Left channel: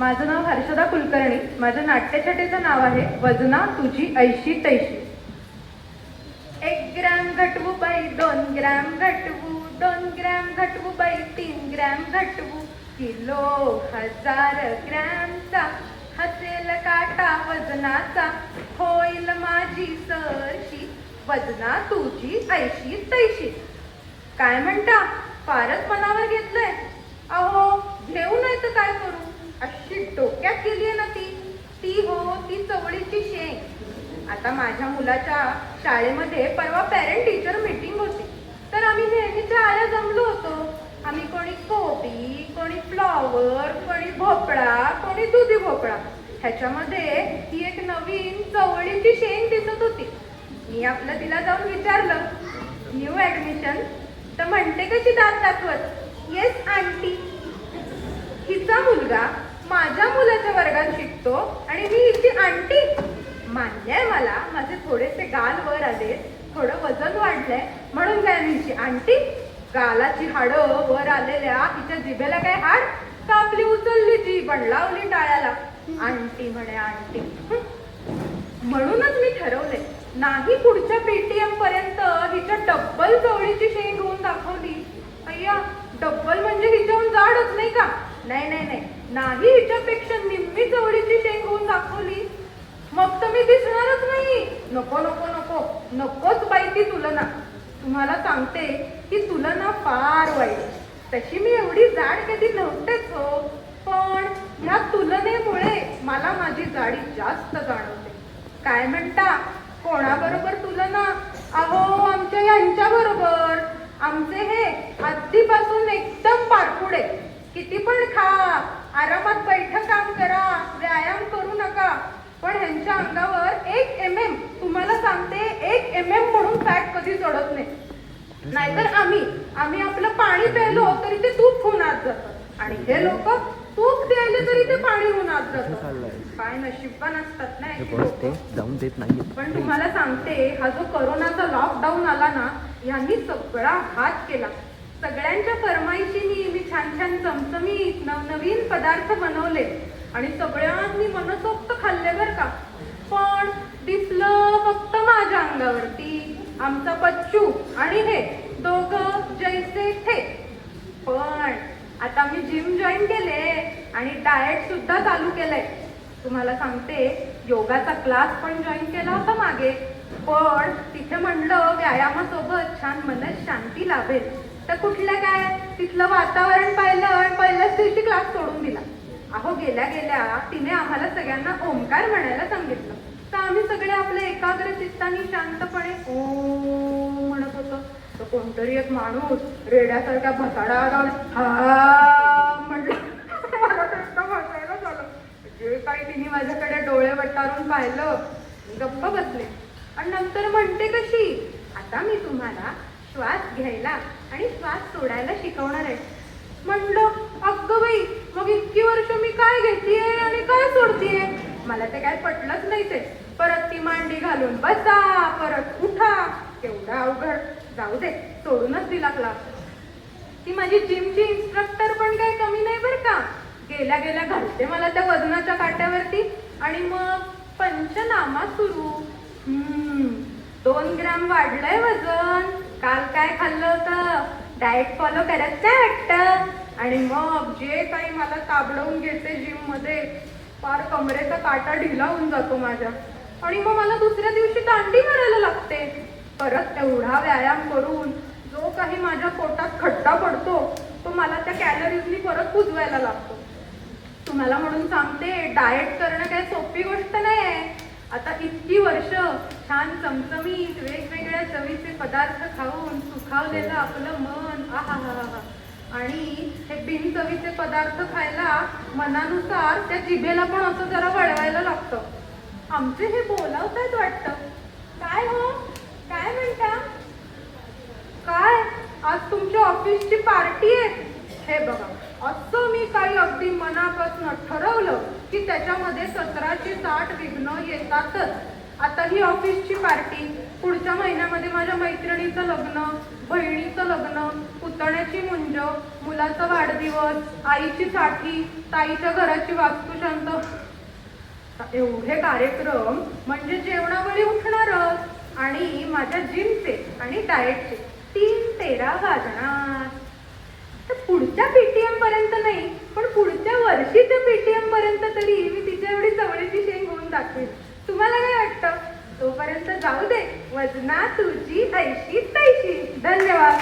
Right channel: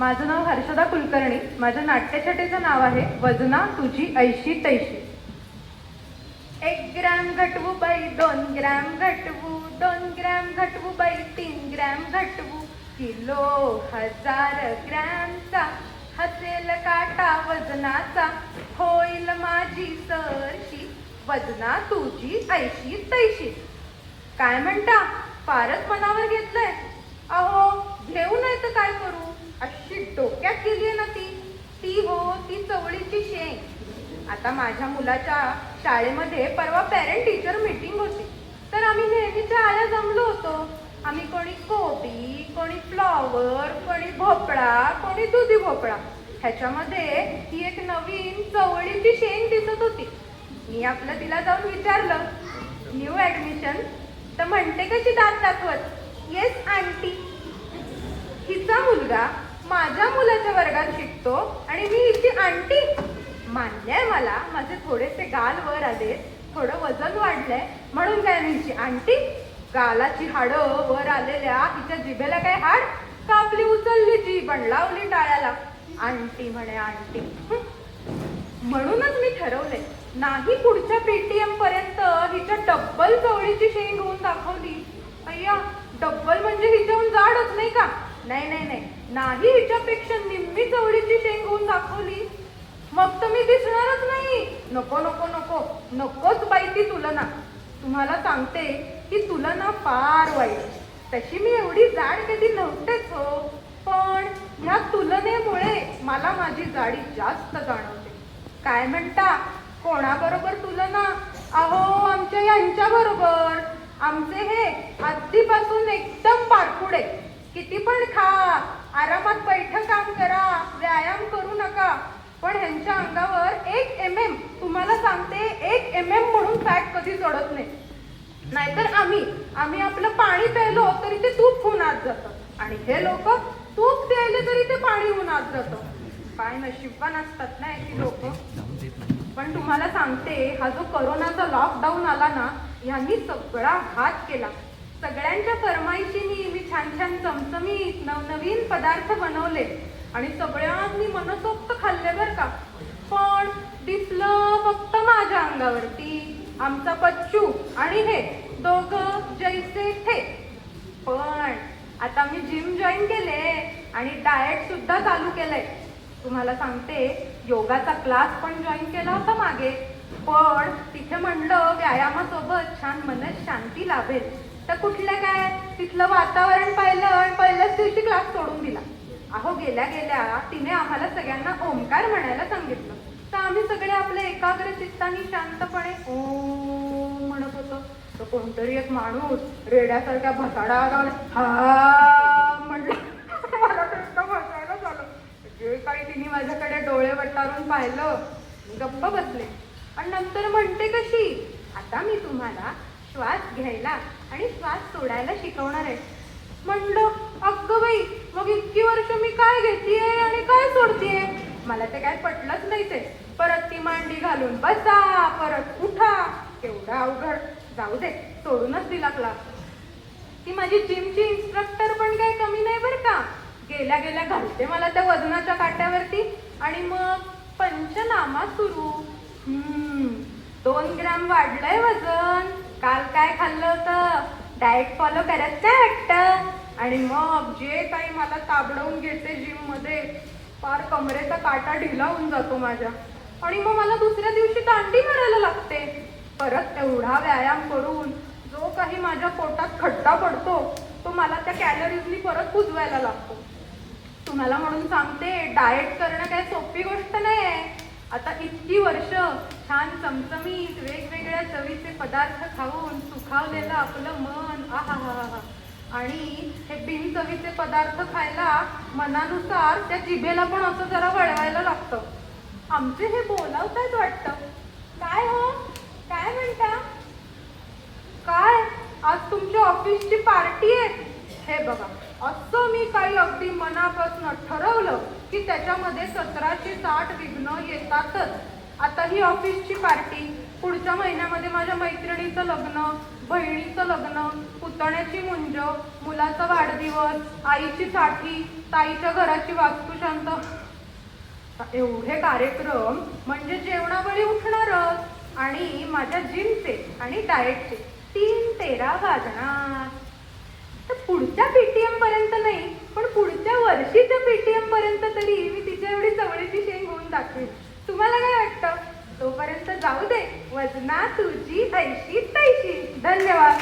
माझं नाव हर्षदा कुलकर्णी. माझ्या नाट्यछटेचं नाव आहे वजना तुझी ऐशी तैशी. एक ग्रॅम घटवू बाई दोन ग्रॅम घटवू दोन ग्रॅम घटवू बाई तीन ग्रॅम घटवू. किलो हजार ग्रॅमचा हसेल काटा वजनाचा. होईल माझी सरशी वजना तुझी ऐशी तैशी. काय म्हणता? फारच मनावर घेतलंय. अहो घेऊ नाही तर काय करू? अशी डोक्यात गेलीये ना ती. ती हो ती चवळीची शेंग. आता माझ्या मुलाच्या शाळेमध्ये परवा पॅरेंट टीचर मीटिंग होती. तर आम्ही नेहमीच्या आल्या जमलो होतो. आम्ही कोणी कोबी कोणी फ्लॉवर कोणी भोपळा कोणी दुधी भोपळा. ह्याच्यामध्ये ती एक नवीन चवळीची शेंग दिसत होती. मी आपलं तिला जाऊन विचारलं न्यू ऍडमिशन तर म्हणते कशी दात दाखवत येस आंटी हिचा मुलगा माझ्या मुलाच्या वर्गात शिकतो आणि मी हिची आंटी. मान्य मला माझे थोडेसे गाल वर आले थोडं वजन वाढलंय म्हणून काय मी हिची आंटी गालाची हाडं वर आलेल्या हिच्या जिभेला काय हाड? कापली उचलली जी पण लावली टाळ्याला. आंटी म्हणे आंटी. म्हणूनच मी ठरवले नाही पुढच्या पेटीएम पर्यंत हिच्या डब्बल चवळीची शेंग होऊन दाखवली. अय्या डब्बल म्हणजे हिच्याहून जाडच नाही का? नाही नाही नाही. नाही हिच्यापेक्षा निम्मी चवळीची शेंग होऊन दाखवली. मग तर मी दिसणारच नाही. नको नको नको. नकोच बाई ती तुलना. तुम्हाला सांगते की तुलना फार वाईट तशी मी एवढी जाड कधी नव्हतेच हो. पण ह्या तुलनेमुळे मला माझी जाडी जास्त जाणवते. काय म्हणता? कोणाबरोबर तुलना? अहो आमच्या यांच्या बरोबर आमचे हे आधीपासून एकदम पारपुडे किती पण खा. आरामात बैठक काम करा. व्यायाम करू नका. पण ह्यांच्या अंगावर एक एम एम तुम्हाला सांगते एक एम एम म्हणून फॅट कधी चढत नाही. नाहीतर आम्ही आम्ही आपलं पाणी प्यायलो तरी ते तूप होऊन आत जातं. आणि हे लोक तूप प्यायले तरी ते पाणी होऊन आत जातं. काय नशीबवान असतात ना याची लोक. जाऊन देत नाही पण तुम्हाला सांगते हा जो करोनाचा लॉकडाऊन आला ना यांनी सगळा हात केला. सगळ्यांच्या फरमाईशीनी मी छान छान चमचमीत नवनवीन पदार्थ बनवले आणि सगळ्यांनी मनसोक्त खाल्ले बर का. पण दिसलं फक्त माझ्या अंगावरती. आमचा बच्चू आणि हे दोघं जैसे थे. पण आता मी जिम जॉईन केले आणि डाएट सुद्धा चालू केलंय. तुम्हाला सांगते योगाचा क्लास पण जॉईन केला होता मागे. पण तिथे म्हणलं व्यायामासोबत छान मन शांती लाभेल. तर कुठलं काय? तिथलं वातावरण पाहिलं आणि पहिल्याच दिवशी क्लास सोडून दिला. अहो गेल्या गेल्या तिने आम्हाला सगळ्यांना ओंकार म्हणायला सांगितलं. तर आम्ही सगळे आपले एकाग्र चित्तानी शांतपणे ओम म्हणत होतो. तर कोणतरी एक माणूस रेड्यासारख्या भसाडा हा म्हणलं मला तर इतकं हसायला झालं जे काही तिने माझ्याकडे डोळे वटारून पाहिलं मी गप्प बसले. आणि नंतर म्हणते कशी आता मी तुम्हाला श्वास घ्यायला आणि श्वास सोडायला शिकवणार आहे. म्हणलं अगं बाई मग इतकी वर्ष मी काय घेतीये आणि काय सोडतीये? मला ते काय पटलंच नाही ते. परत ती मांडी घालून बसा परत उठा तेवढा अवघड. जाऊ दे सोडूनच दिला क्लास. ती माझी जिमची इन्स्ट्रक्टर पण काही कमी नाही बरं का. गेल्या गेल्या घालते मला त्या वजनाच्या काट्यावरती आणि मग पंचनामा सुरू. हम्म, दोन ग्रॅम वाढलंय वजन. काल काय खाल्लं होतं? डाएट फॉलो करत नाही वाटतं? आणि मग जे काही मला ताबडवून घेते जिममध्ये फार कमरेचा काटा ढिला होऊन जातो माझ्या. आणि मग मला दुसऱ्या दिवशी दांडी मारायला लागते. परत तेवढा व्यायाम करून जो काही माझ्या पोटात खड्डा पडतो तो मला त्या कॅलरीजनी परत कुजवायला लागतो. तुम्हाला म्हणून सांगते डाएट करणं काय सोपी गोष्ट नाही आहे आता इतकी वर्ष छान चमचमीत वेगवेगळ्या चवीचे पदार्थ खाऊन सुखावलेलं आपलं मन आहा हा हा आणि हे बिनचवीचे पदार्थ खायला मनानुसार त्या जिभेला पण असं जरा वळवायला लागतं. आमचे हे बोलावतात वाटतं. काय हो? काय म्हणता? काय? आज तुमच्या ऑफिसची पार्टी आहे. हे बघा. असं मी काही अगदी मनापासून ठरवलं की त्याच्यामध्ये सतराशे साठ विघ्न येतातच. आता ही ऑफिसची पार्टी पुढच्या महिन्यामध्ये माझ्या मैत्रिणीचं लग्न बहिणीचं लग्न पुतण्याची मुंज मुलाचा वाढदिवस आईची साठी ताईच्या घराची वास्तुशांत एवढे कार्यक्रम म्हणजे जेवणावेळी उठणारच. आणि माझ्या जिमचे आणि डाएटचे तीन तेरा वाजणार. पुढच्या पीटीएम पर्यंत नाही पण पुढच्या वर्षीच्या पीटीएम पर्यंत तरी मी तिच्या एवढी चवळीची शेंग होऊन दाखवेन. तुम्हाला काय वाटतं? तोपर्यंत जाऊ दे. वजना तुझी ऐशी तैशी. धन्यवाद.